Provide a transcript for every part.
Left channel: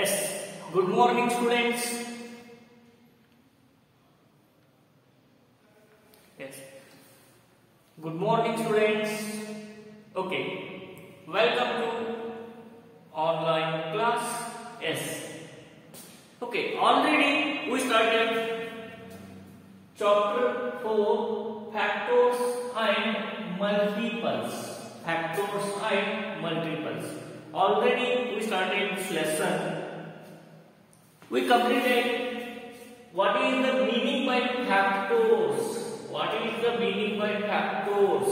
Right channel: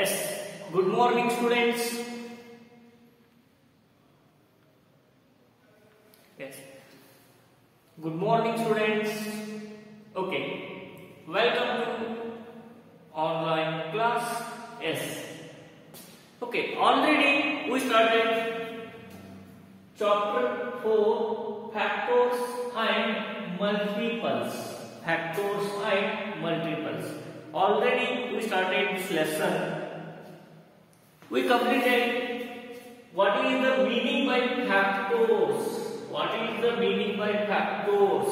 Yes, good morning students. Yes, good morning students. Okay, welcome to online class. Yes, okay, already we started chapter 4 factors and multiples. Factors and multiples. Already we started this lesson. We completed what is the meaning by factors. What is the meaning by factors?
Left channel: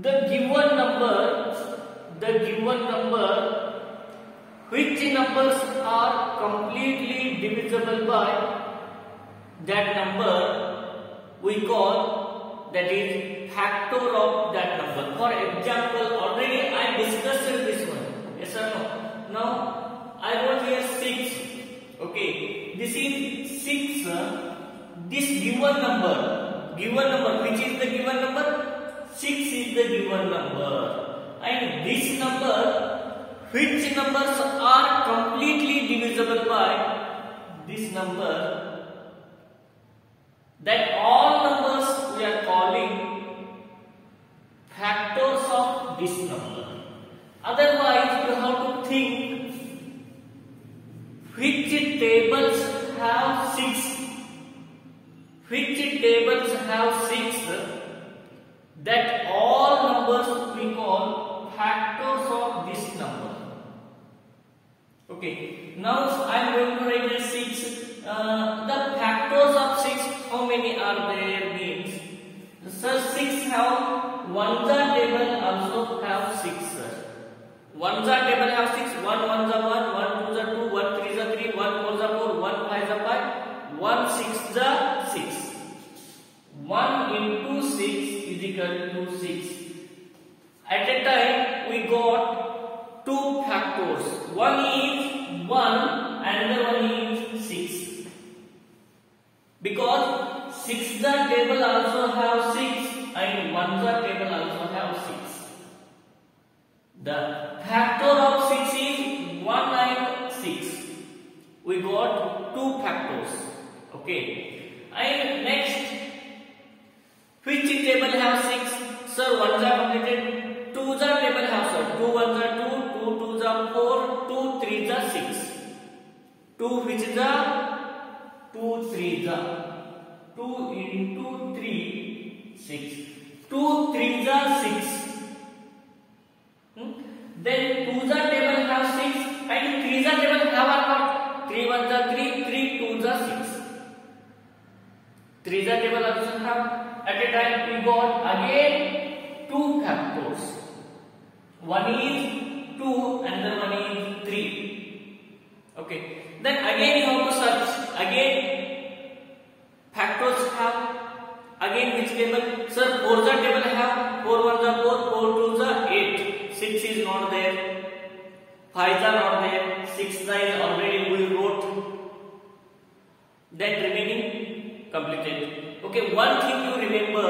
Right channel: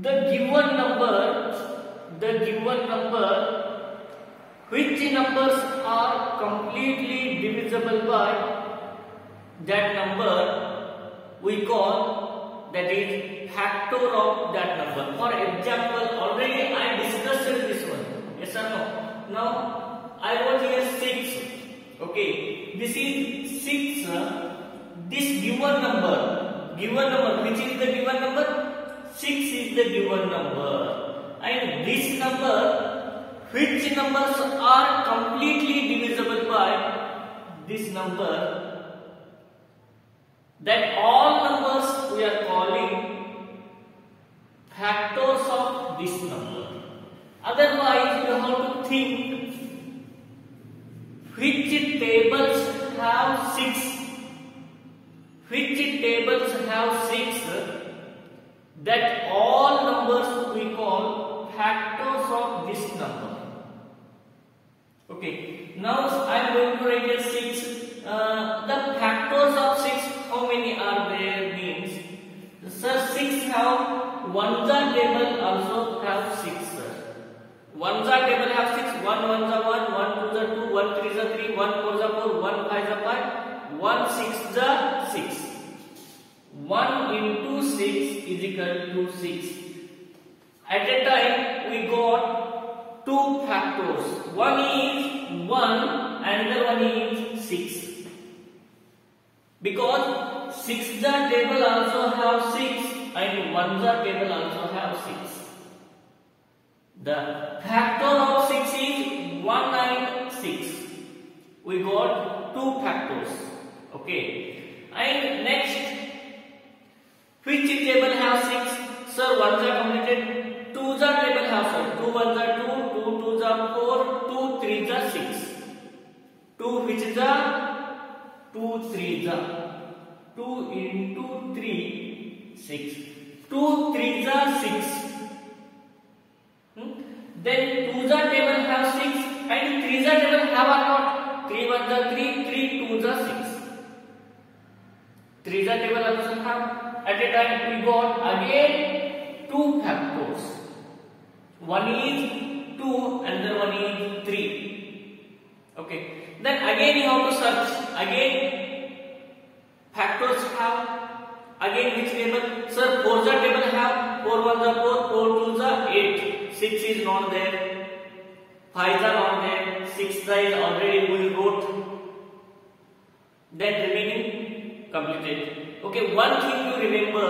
The given number, which numbers are completely divisible by that number, we call that is factor of that number. For example, already I discussed this one. Yes or no? Now I wrote here 6. Okay, this is 6. This given number, which is the given number? 6 is the given number. And this number, which numbers are completely divisible by this number, that all numbers we are calling factors of this number. Otherwise, you have to think which tables have 6. Which tables have 6? That all numbers we call factors of this number. Okay. Now I am going to write a 6. The factors of 6, how many are there? Means, sir, 6 have ones table also have 6. Ones table have 6. 1 1 1, 1 2 2, 1 3 3, 1 4 4, 1 5 5, 1 6 6. 1 into 6 is equal to 6. At a time we got two factors. One is 1, another one is 6. Because 6 the table also have 6 and 1 the table also have 6. The factor of 6 is 1 and 6. We got two factors. Okay. And next, which table have 6? Sir, 1s are completed. 2s are table have 6. 2 1s are 2, 2 2s are 4, 2 3s are 6. 2 which is the 2 3s are 2 into 3 6. 2 3s are 6. Then 2s are table have 6 and 3s are table have or not? 3 1s are 3, 3 2s are 6. 3s are table also have. At a time we got again two factors. One is 2, another one is 3. Okay. Then again you have to search. Again factors have. Again which table? Sir, 4s are table have. 4 1s are 4, 4 2s are 8. 6 is not there. 5s are not there. 6 is already we wrote. Then remaining completed. Okay, one thing you remember,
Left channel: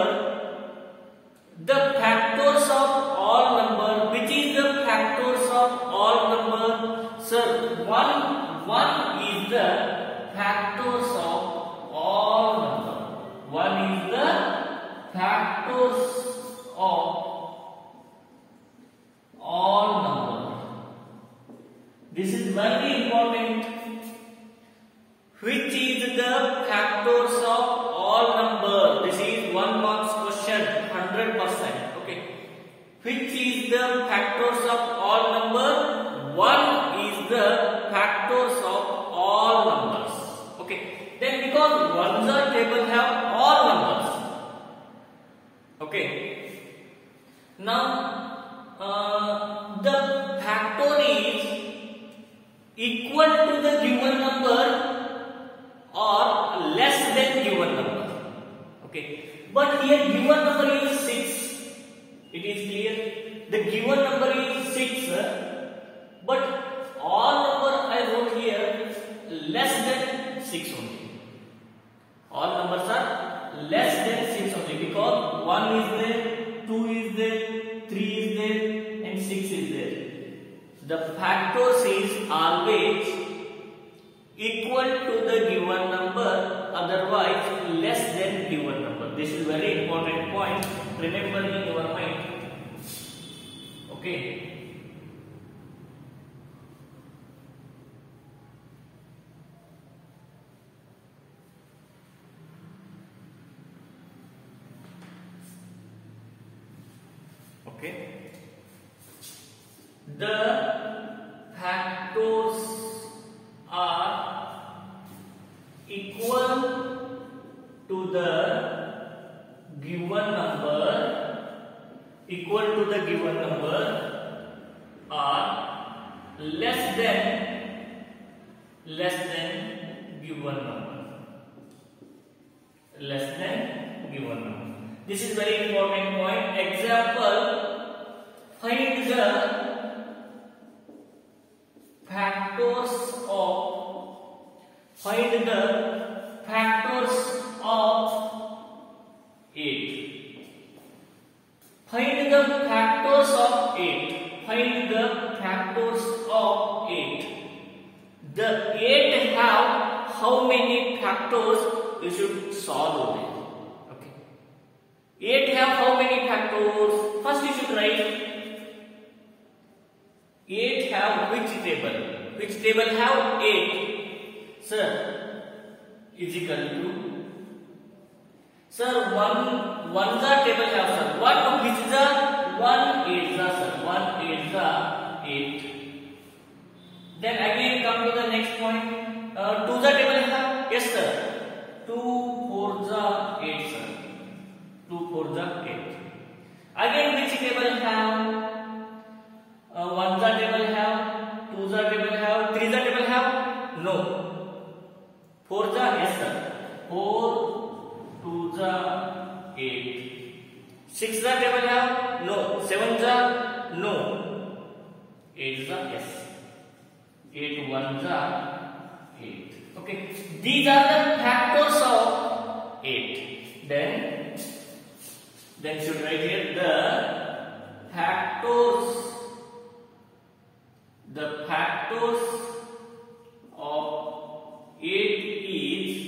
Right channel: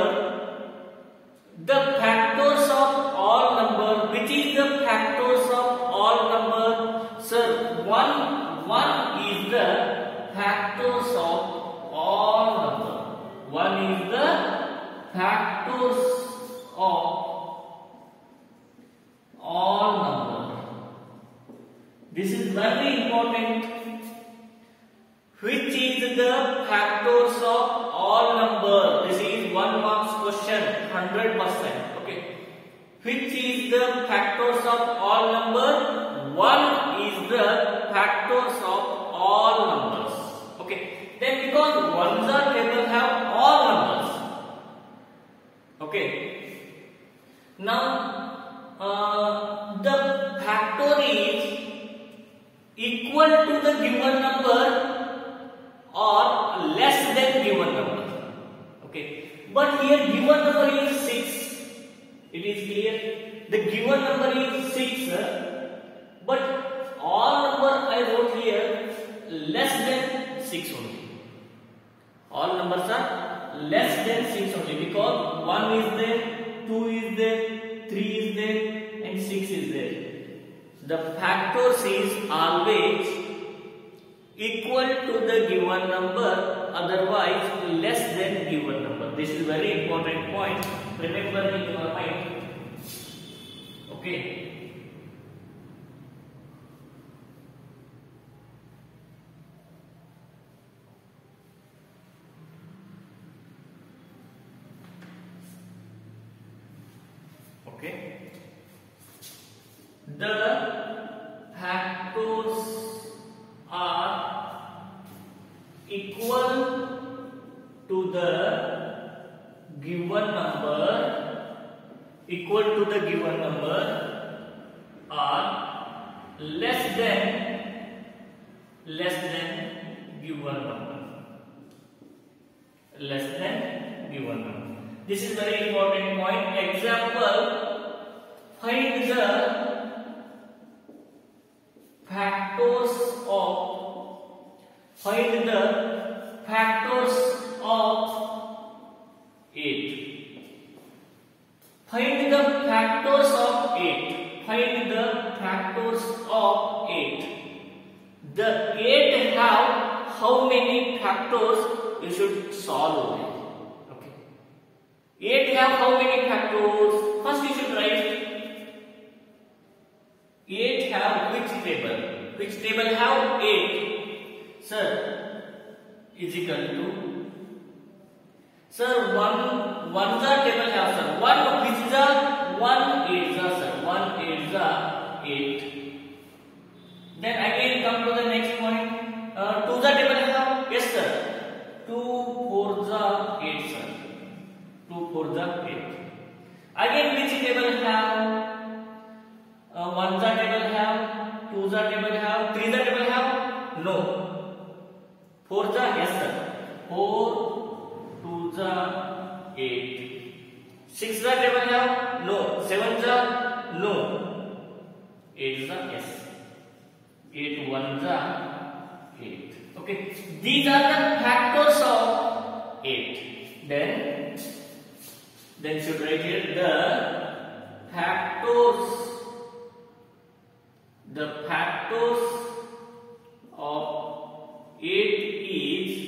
the factors of all number. Which is the factors of all number? Sir, 1 is the factors of all number. 1 is the factors of all number. This is very important. Which is the factors of all number? This is 1 marks question, 100%. Okay. Which is the factors of all number? 1 is the factors of all numbers. Okay. Then because 1s are table have all numbers. Okay. Now the factor is equal to the given number or less than given number. Okay. But here given number is 6. It is clear. The given number is 6. But all number I wrote here less than 6 only. All numbers are less than 6 only because 1 is there, 2 is there, 3 is there and 6 is there. the factors is always equal to the given number, otherwise less than given number. This is very important point. Remember in your mind. Okay. Okay. The factors are equal to the given number, are less than given number. This is very important point. Example, find the factors of 8. Find the factors of 8. The 8 have how many factors? You should solve it. Okay. 8 have how many factors? First you should write 8 have which table? Which table have 8? Sir, is equal to, sir, one the table have, sir, 1 which is a 1 8 the, sir, 1 8 the 8. Then again come to the next point. 2 the table have, yes sir, 2 4 the 8, sir, 2 4 the 8. Again which table have? 1 the table have, 2 the table have, 3 the table have? No. 4 the, yes sir, 4 2 the 8. 6 the table have? No. 7 the? No. 8 the, yes. 8 1 the 8. Okay. These are the factors of 8. Then should write here the factors of 8 is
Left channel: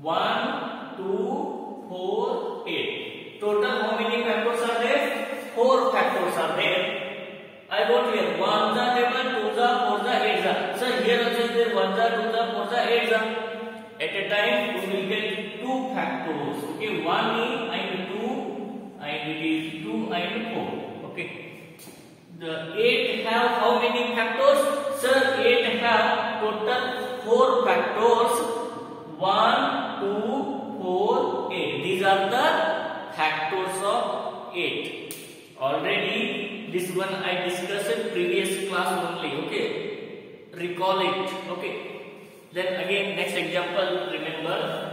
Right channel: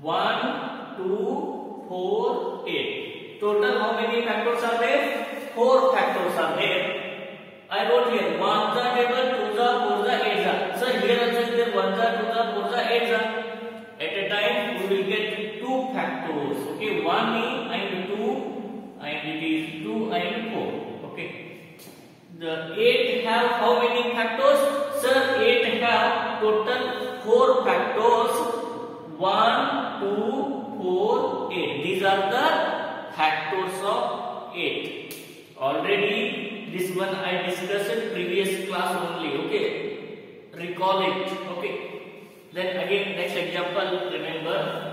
1 2 4 8. Total how many factors are there? 4 factors are there. I wrote here 1 the table, 2 the, 4 the, 8 the. Sir, here also is there 1 the, 2 the, 4 the, 8 the. At a time we will get 2 factors. Okay, 1 and 2, and it is 2 and 4. Okay. The 8 have how many factors? Sir, 8 have total 4 factors. 1 2 4 8. These are the factors of 8. Already this one I discussed in previous class only. Okay, recall it. Okay. Then again next example, remember.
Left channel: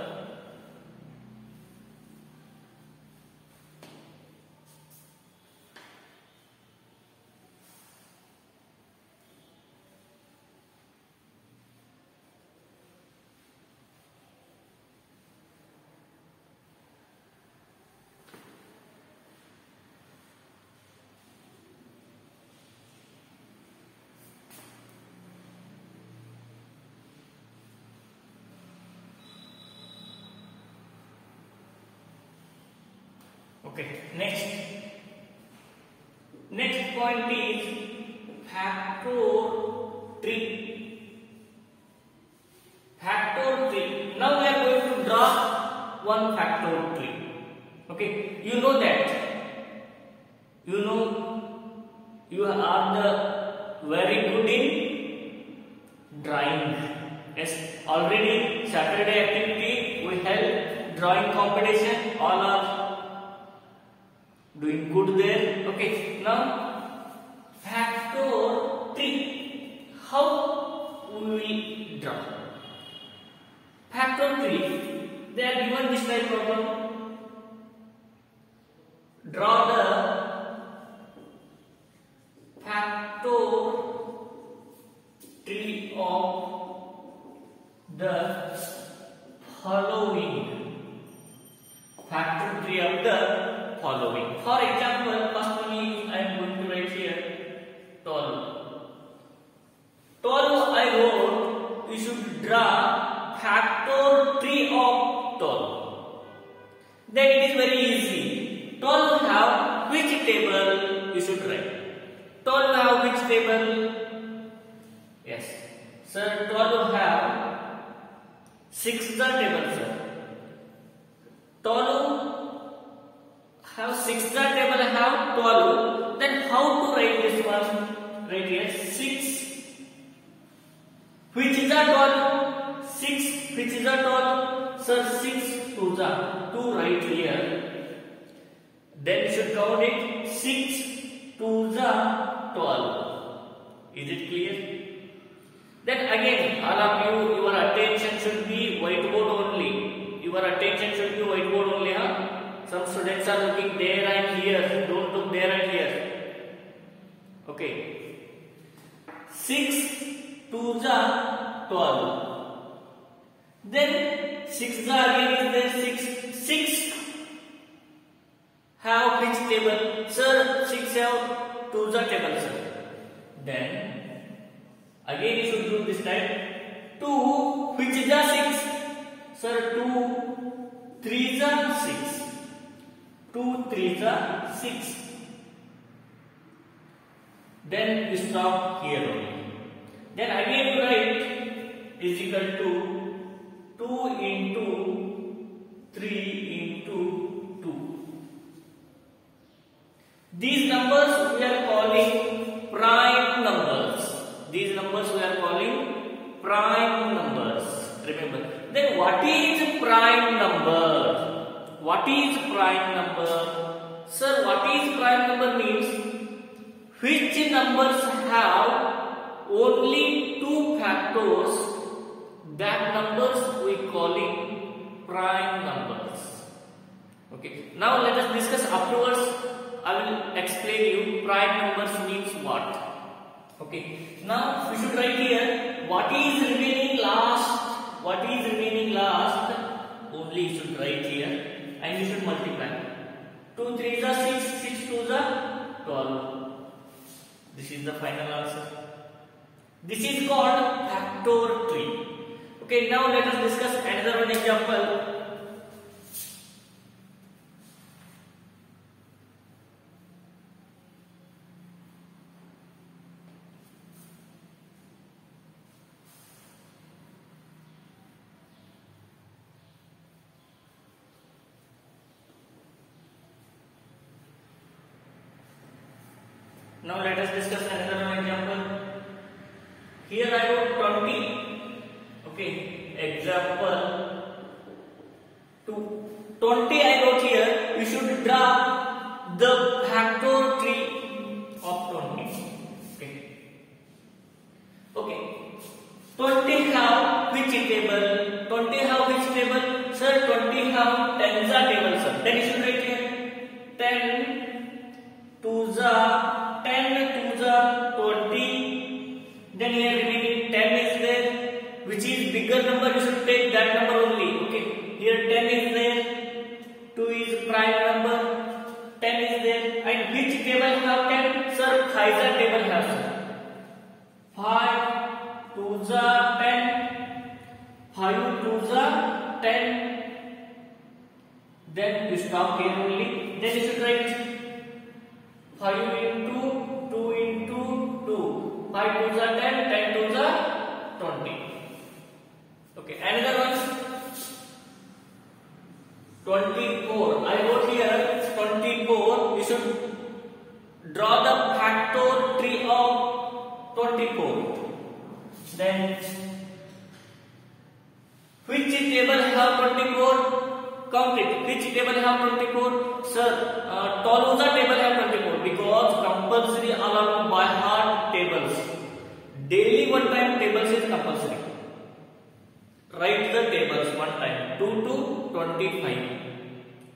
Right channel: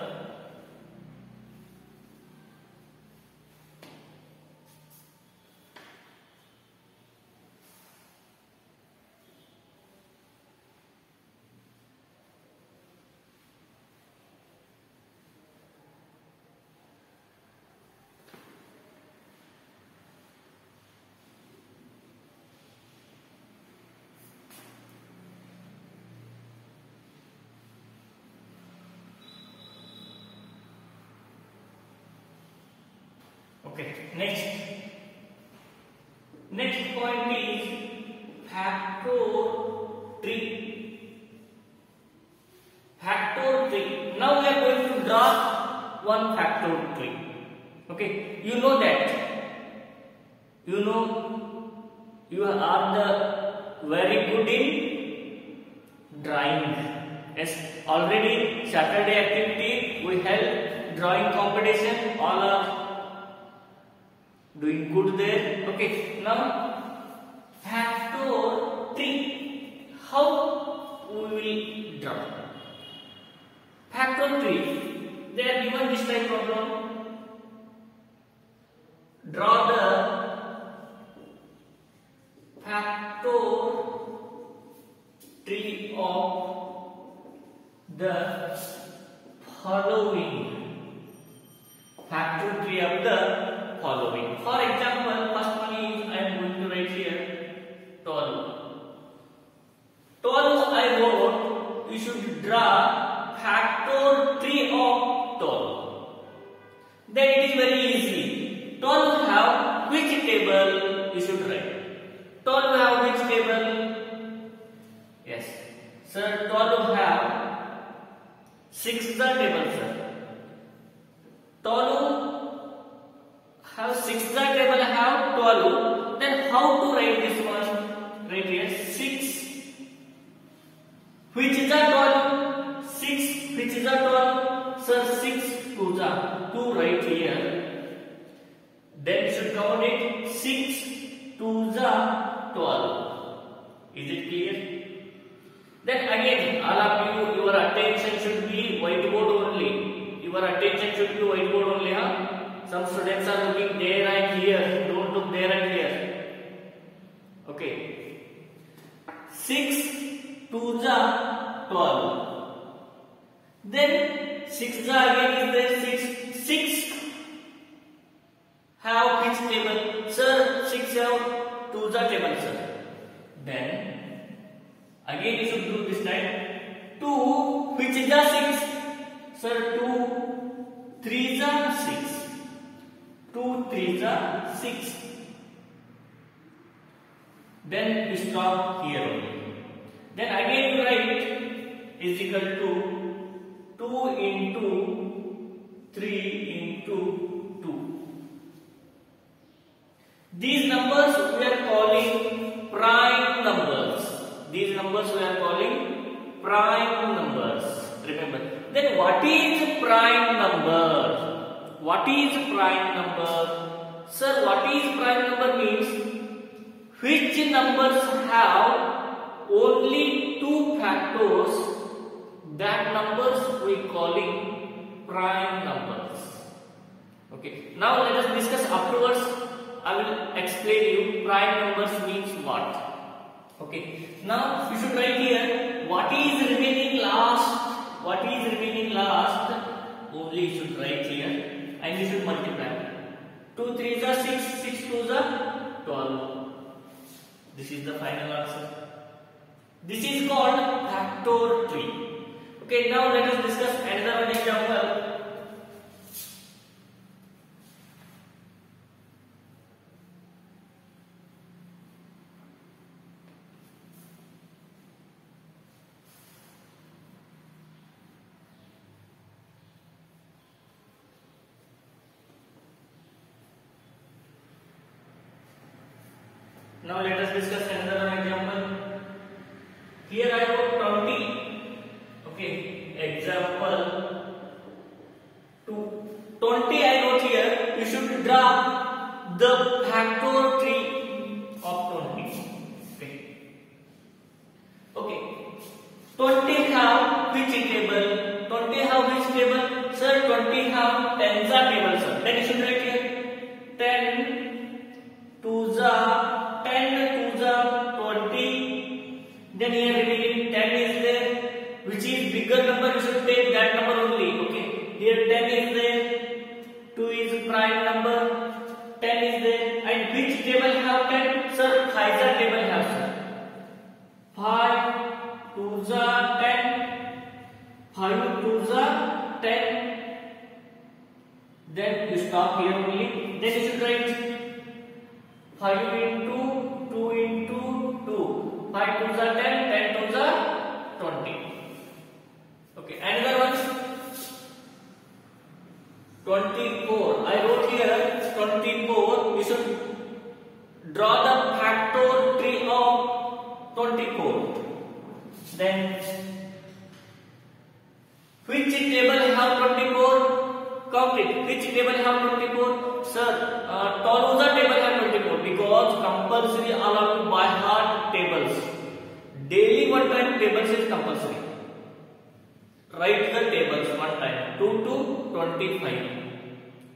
Okay, next point is factor 3. Now we are going to draw one factor 3. Okay, you know that. You are the very good in drawing. Yes, already Saturday activity we held drawing competition. All are doing good there. Okay, now factor 3. How we will draw factor 3? They are given this type problem. Draw the factor 3 of the following. Factor 3 of the following. For example, first one is I am going to write here 12. you should write. 12 have which table? Yes, sir. 12 have 6 the table, sir. 12 have 6 the table have 12. Then how to write this one? Right here 6. Which is the 12? 6. Which is the 12? Sir, 6 to the 2 right here. Then you should count it 6 to the 12. Is it clear? Then again, all of you, your attention should be whiteboard only. Your attention should be whiteboard only. Huh? Some students are looking there and here. Don't look there and here. Okay. 6 to the 12. Then 6 the again is there. 6. 6 have which table? Sir, 6 have 2 the table, sir. Then again you should do this time. 2 which is the 6? Sir, 2 3 the 6. 2 3 the 6. Then you stop here only. Then again you write is equal to 2 into 3 into 2. These numbers we are calling prime numbers. These numbers we are calling prime numbers. Remember. Then what is prime number? What is prime number? Sir, what is prime number means which numbers have only 2 factors, that numbers we calling prime numbers. Okay. Now let us discuss afterwards. I will explain you prime numbers means what. Okay. Now we should write here what is remaining last. What is remaining last? Only you should write here and you should multiply. 2 3 is 6, 6 2 is 12. This is the final answer. This is called factor tree. Okay, now let us discuss another one example. Now let us discuss another one example. Here I wrote 20. Okay, example 2. 20 I wrote here. You should draw the factor tree of 20. Okay. Okay. 20 have which table? 20 have which table? Sir, 20 have 10 the table, sir. Then you should write here 10 to the 10 to the 20. Then here remaining 10 is there. Which is bigger number, you should take that number only. Okay. Here 10 is there. 2 is prime number. 10 is there. And which table have 10? Sir, 5 the table have, sir. 5 to the 10. 5 to the 10. Then you stop here only. Then you should write 5 into 2 into 2. 5 to the 10, 10 to the 20. Okay, another one. 24. I wrote here 24. You should draw the factor tree of 24. Then which table have 24? Count it. Which table have 24? Sir, Tolosa table have 24 because compulsory along by heart tables. Daily one time tables is compulsory. Write the tables one time. 2 to 25.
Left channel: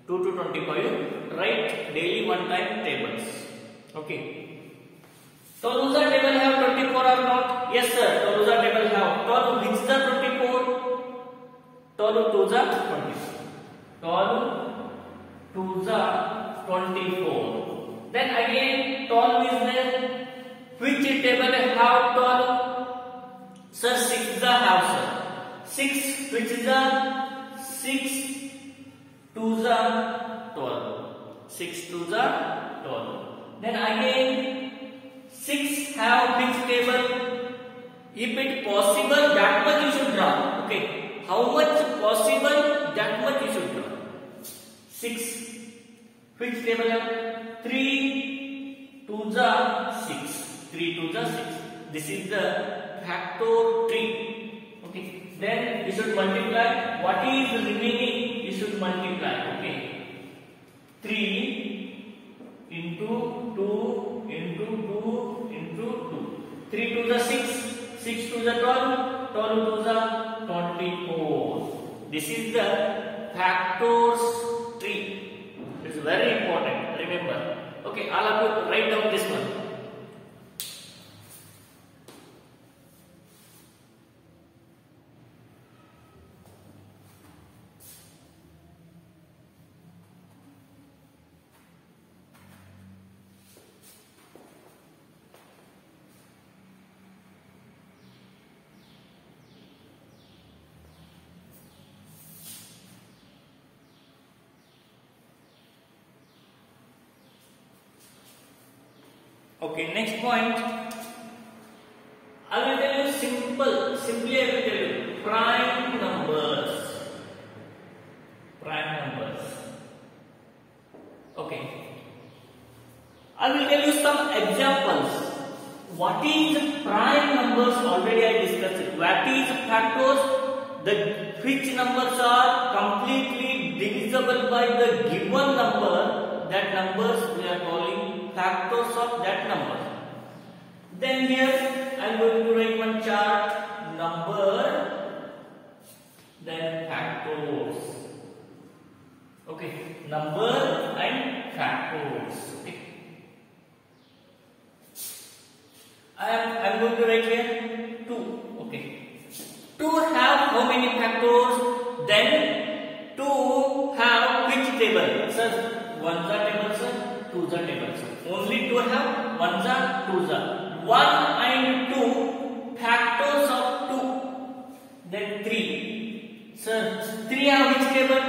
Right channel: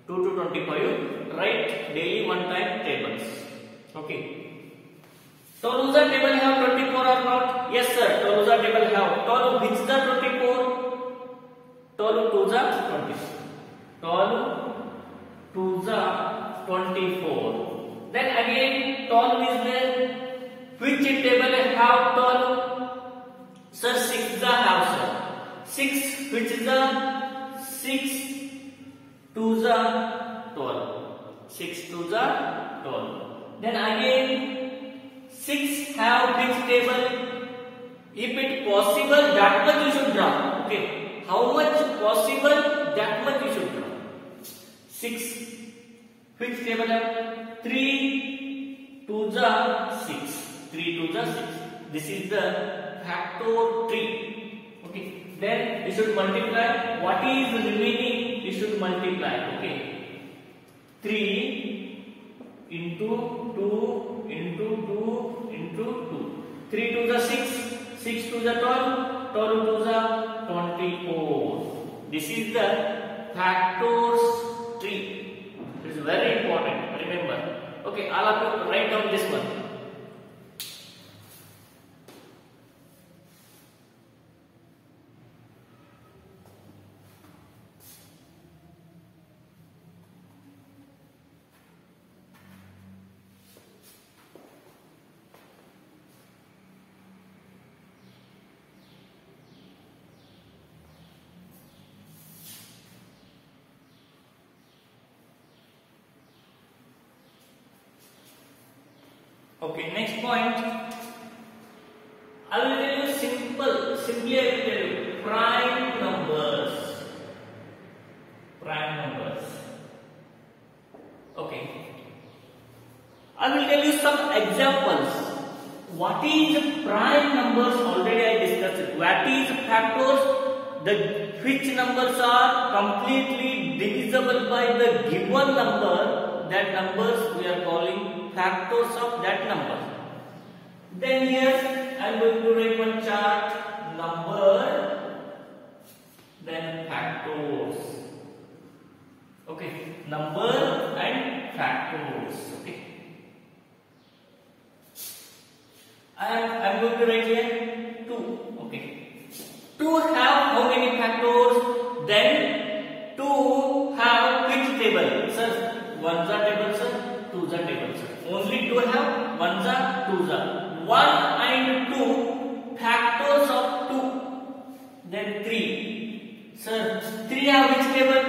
2 to 25. Write daily one time tables. Okay. Tolosa table have 24 or not? Yes, sir. Tolosa table have. Tolu which the 24? Tolu to the 24. 12 to the 24. Then again 12 is there. Which table have 12? Sir, 6 the have, sir. 6 which is the 6 to the 12. 6 to the 12. Then again 6 have which table? If it possible, that much you should draw. Okay. How much possible, that much you should draw. 6. Which table have? 3 to the 6. 3 to the 6. This is the factor tree. Okay. Then you should multiply. What is remaining? You should multiply. Okay. 3 into 2 into 2 into 2. 3 to the 6. 6 to the 12, 12 to the 24. This is the factors tree. This is very important. Remember. Okay, all of you write down this one. Okay, next point. I will tell you simply I will tell you prime numbers. Prime numbers. Okay. I will tell you some examples. What is prime numbers? Already I discussed it. What is factors? Which numbers are completely divisible by the given number, that numbers we are calling factors of that number. Then here I am going to write one chart, number, then factors. Okay, number and factors. Okay, and I am going to write here 2. Okay. 2 have how many factors? Then 2 have which table? Sir, 1 the table, sir, 2 the table, sir. Only 2 have 1 the, 2 the. 1 and 2 factors of 2. Then 3. Sir, 3 have which table?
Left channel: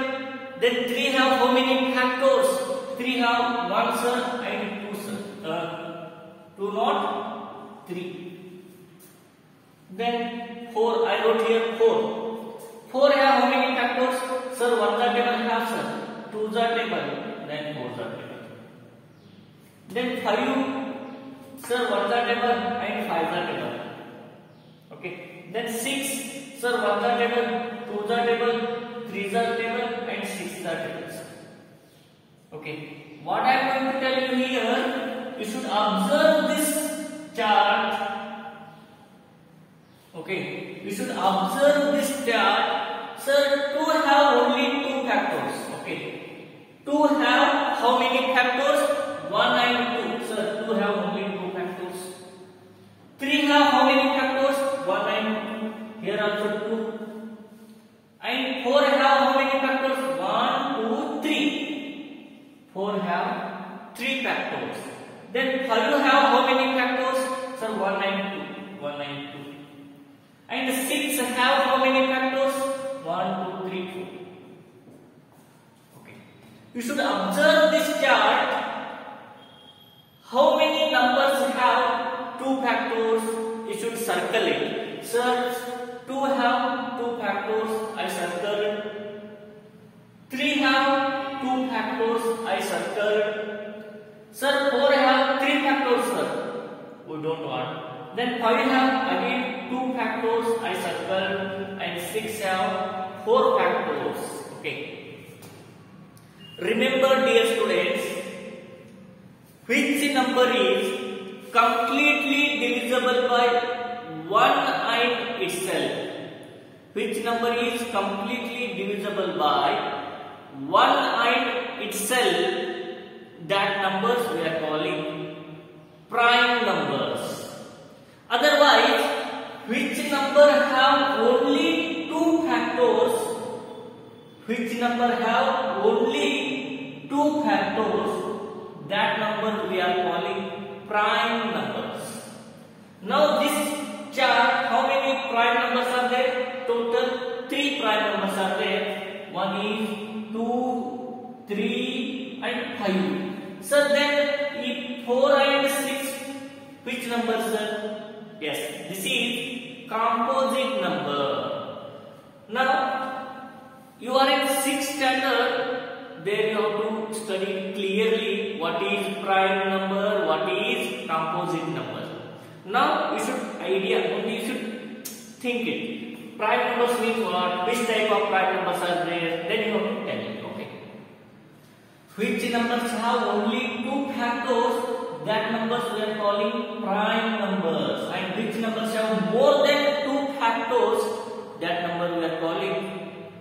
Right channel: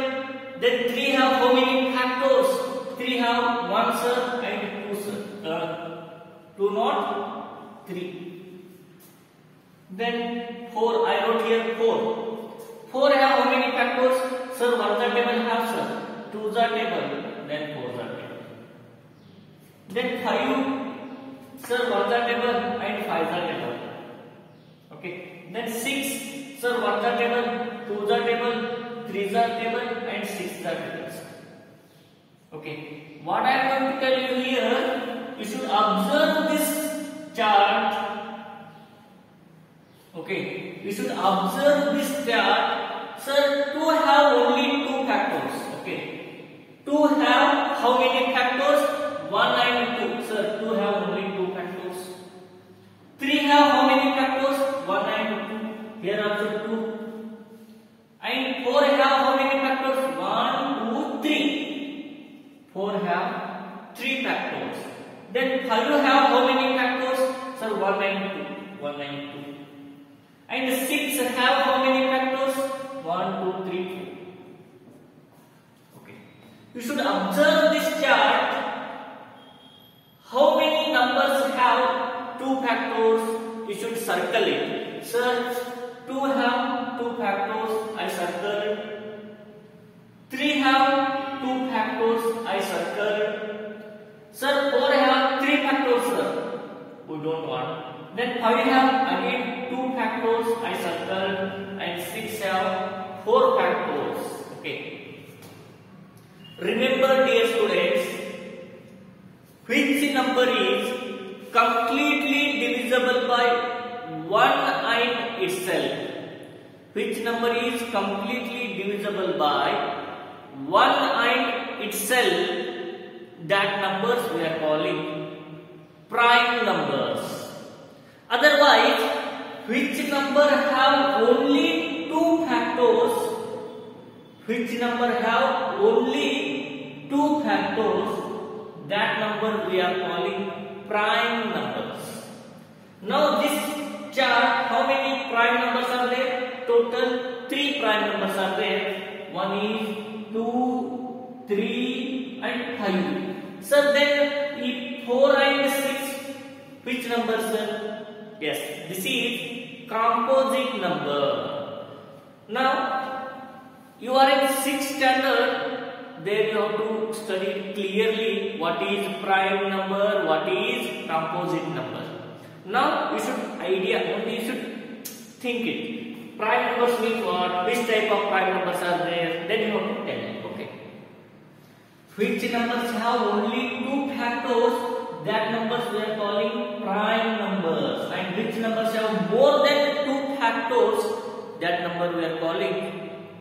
Then 3 have how many factors? 3 have 1, sir, and 2, sir. 2 not 3. Then 4, I wrote here 4. 4 have how many factors? Sir, 1 the table have, sir. 2 the table, then 4 the table. Then 5, sir, 1 the table and 5 the table. Okay. Then 6, sir, 1 the table, 2 the table, 3 the table and 6 the table, sir. Okay. What I am going to tell you here, you should observe this chart. Okay, we should observe this chart. Sir, 2 have only 2 factors. Okay, 2 have how many factors? 1 and 2. Sir, 2 have only 2 factors. 3 have how many factors? 1 and 2. Here also 2. And 4 have how many factors? 1, 2, 3. 4 have 3 factors. Then 5 have how many factors? Sir, 1 and 2. 1 and 2. And 6 have how many factors? 1, 2, 3, 4. Okay. You should observe this chart. How many numbers have 2 factors? You should circle it. Sir, 2 have 2 factors. I circle. 3 have 2 factors. I circle. Sir, 4 have 3 factors, sir. We don't want. Then 5 have again 2 factors, I circle, and 6 have 4 factors. Okay. Remember, dear students, which number is completely divisible by 1 and itself? Which number is completely divisible by 1 and itself? That numbers we are calling prime numbers. Otherwise, which number have only 2 factors? Which number have only 2 factors? That number we are calling prime numbers. Now this chart, how many prime numbers are there? Total 3 prime numbers are there. One is 2, 3 and 5. So then if 4 and 6, which number, sir? Yes, this is composite number. Now you are in 6th standard, there you have to study clearly what is prime number, what is composite number. Now you should think it. Prime numbers means what? Which type of prime numbers are there? Then you have to tell it. Okay. Which numbers have only 2 factors? That numbers we are calling prime numbers. And which numbers have more than 2 factors? That number we are calling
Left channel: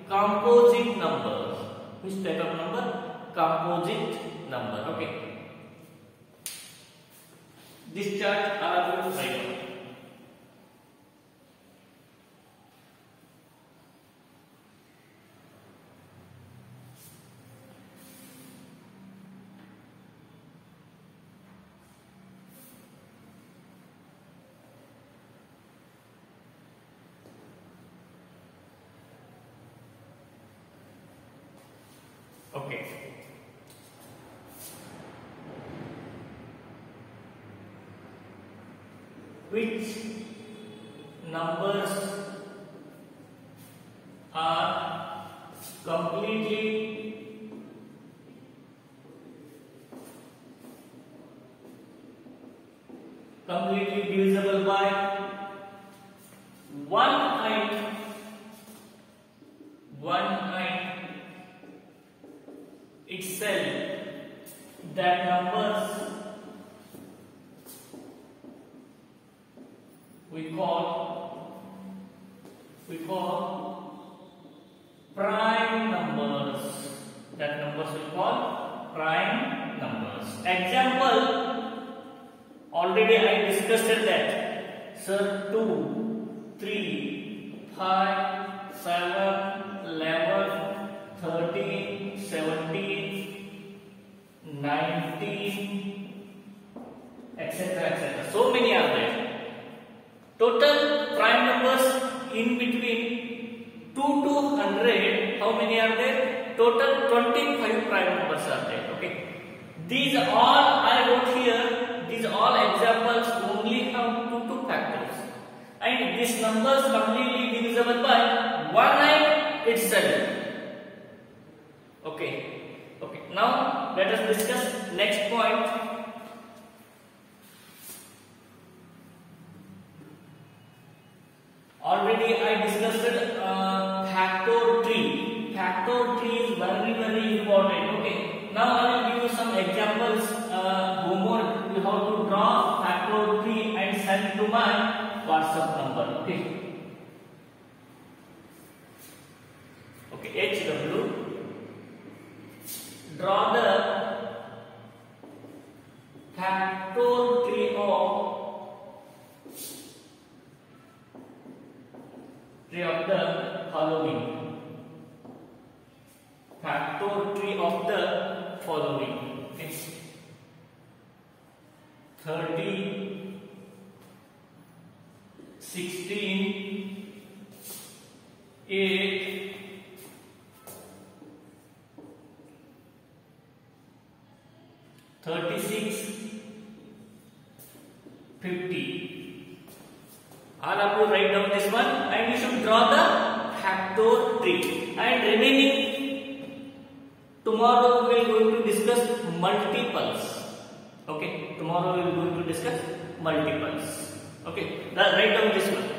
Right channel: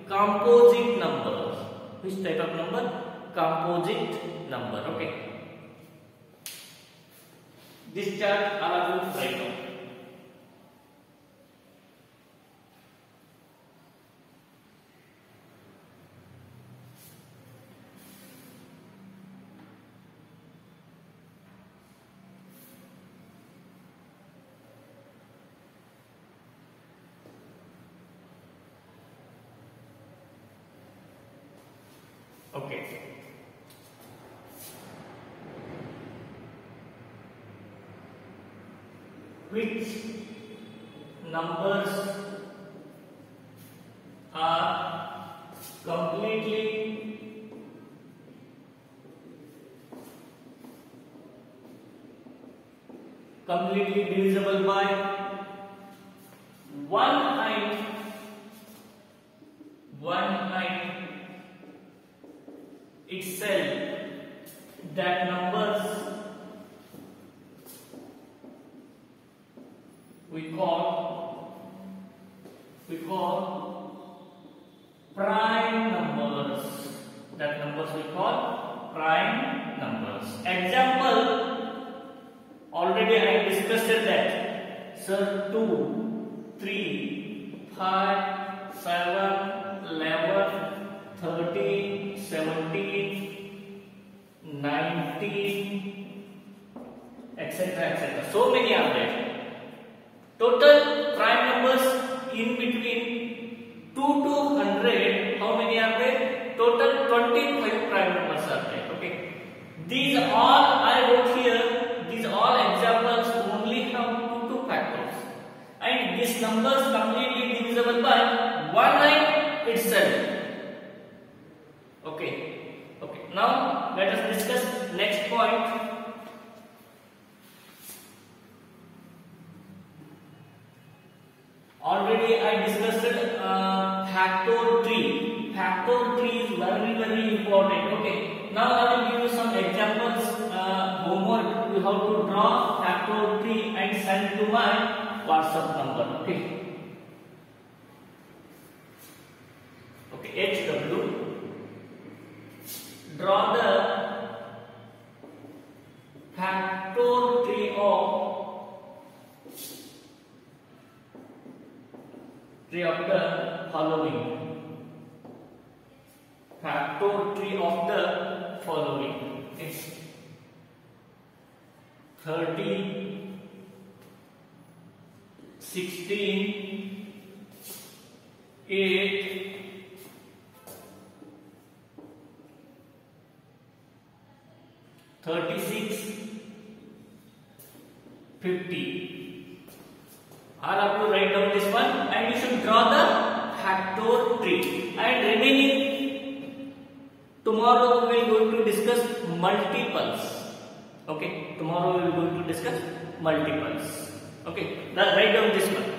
composite numbers. Which type of number? Composite number. Okay. This chart I will write down. Okay. Which numbers are completely divisible by 1 itself? That numbers we call prime numbers. That numbers we call prime numbers. Example, already I discussed that. Sir, 2, 3, 5, 7, 11, 13, 17, 19, etc., etc. So many are there. Total prime numbers in between 2 to 100, how many are there? Total 25 prime numbers are there. Okay. These all I wrote here, these all examples only have 2 factors. And these numbers completely divisible by 1 itself. Okay. Okay. Now let us discuss next point. Already I discussed factor tree. Factor tree is very important. Okay. Now I will give you some examples. Homework. You have to draw factor tree and send to my WhatsApp number. Okay. Okay. HW. Draw the factor tree of the following. Factor tree of the following. It's 30, 16, 8, 36, 50. All of you write down this one and you should draw the factor tree. And remaining, tomorrow we are going to discuss multiples. Okay, tomorrow we are going to discuss multiples. Okay, now write down this one.